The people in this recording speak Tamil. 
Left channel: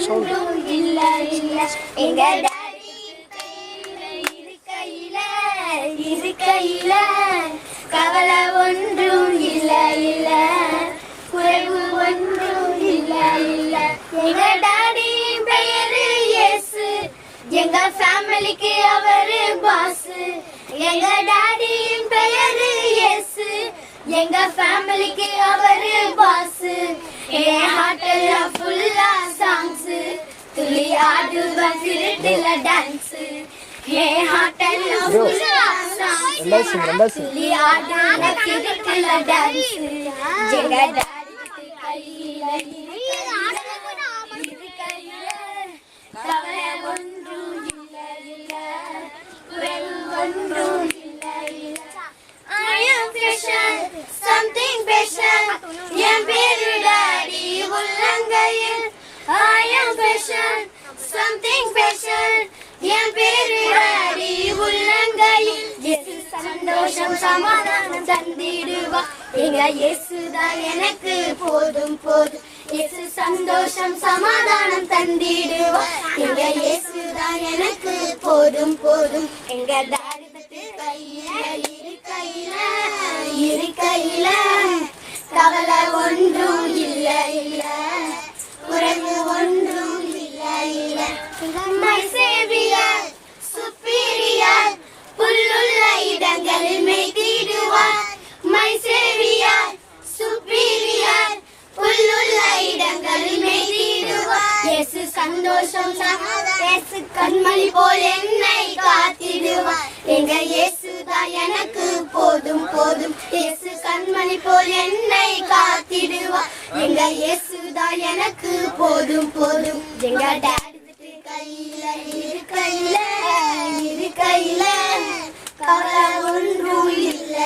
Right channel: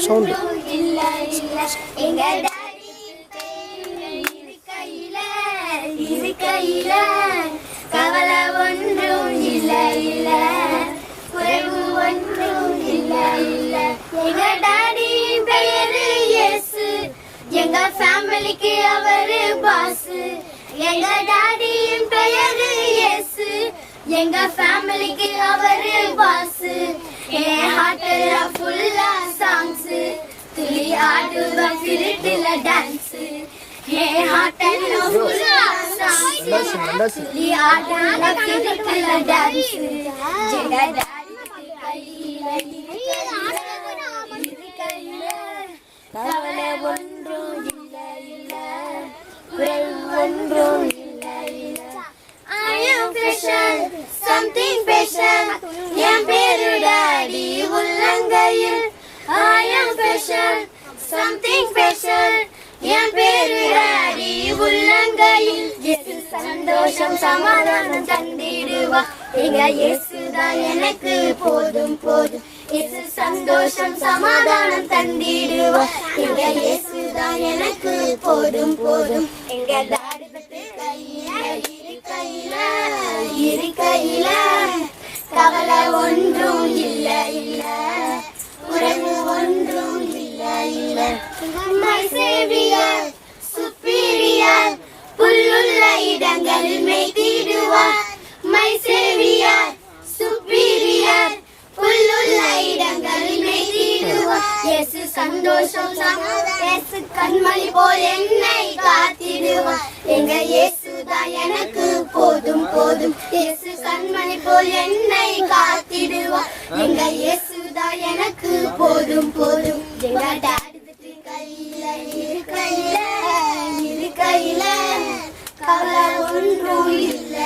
சவுண்டு எங்க டாடி இருக்கையில கவலை ஒன்றும் இல்ல குறைவு ஒன்றும் இல்ல எங்க டாடி பெயரு இயேசு எங்க ஃபேமிலிக்கு அவரு பாஸ் எங்க டாடி பெயரு இயேசு எங்க ஃபேமிலிக்கு அவரு பாஸ் என் ஹார்ட்ல ஃபுல்லா சாங்ஸ் துள்ளி ஆடுவ திருட்டுல டான்ஸ் என் ஹார்ட்ல ஃபுல்லா சாங்ஸ் துள்ளி ஆடுவ திருட்டுல டான்ஸ் எங்க டாடி கையில கவலை ஒன்றும் இல்ல ஒன்றும் I am special, something special. என் பேரு டாடி உள்ளங்கையில். I am special, something special. என் பேரு டாடி உள்ளங்கையில். இயேசு சந்தோஷம் சமாதானம் தந்திடுவா. எங்க இயேசுதான் எனக்கு போதும் போதும். இயேசு சந்தோஷம் சமாதானம் தந்திடுவா. எங்க இயேசுதான் எனக்கு போதும் போதும். எங்க டாடி இருக்கையில கவலை ஒன்றும் இல்ல குறைவு ஒன்றும் இல்ல My Savior, superior, புல்லுள்ள இடங்களில் மேய்த்திடுவார் My Savior, superior, புல்லுள்ள இடங்களில் மேய்த்திடுவார் இயேசு சந்தோஷம் இயேசு கண்மணி போல் என்னை காத்திடுவார் எங்க இயேசுதான் எனக்கு போதும் போதும் இயேசு கண்மணி போல் என்னை காத்திடுவார் எங்க இயேசுதான் எனக்கு போதும் போதும் எங்க டாடி இருக்கையில கவலை ஒன்றும் இல்ல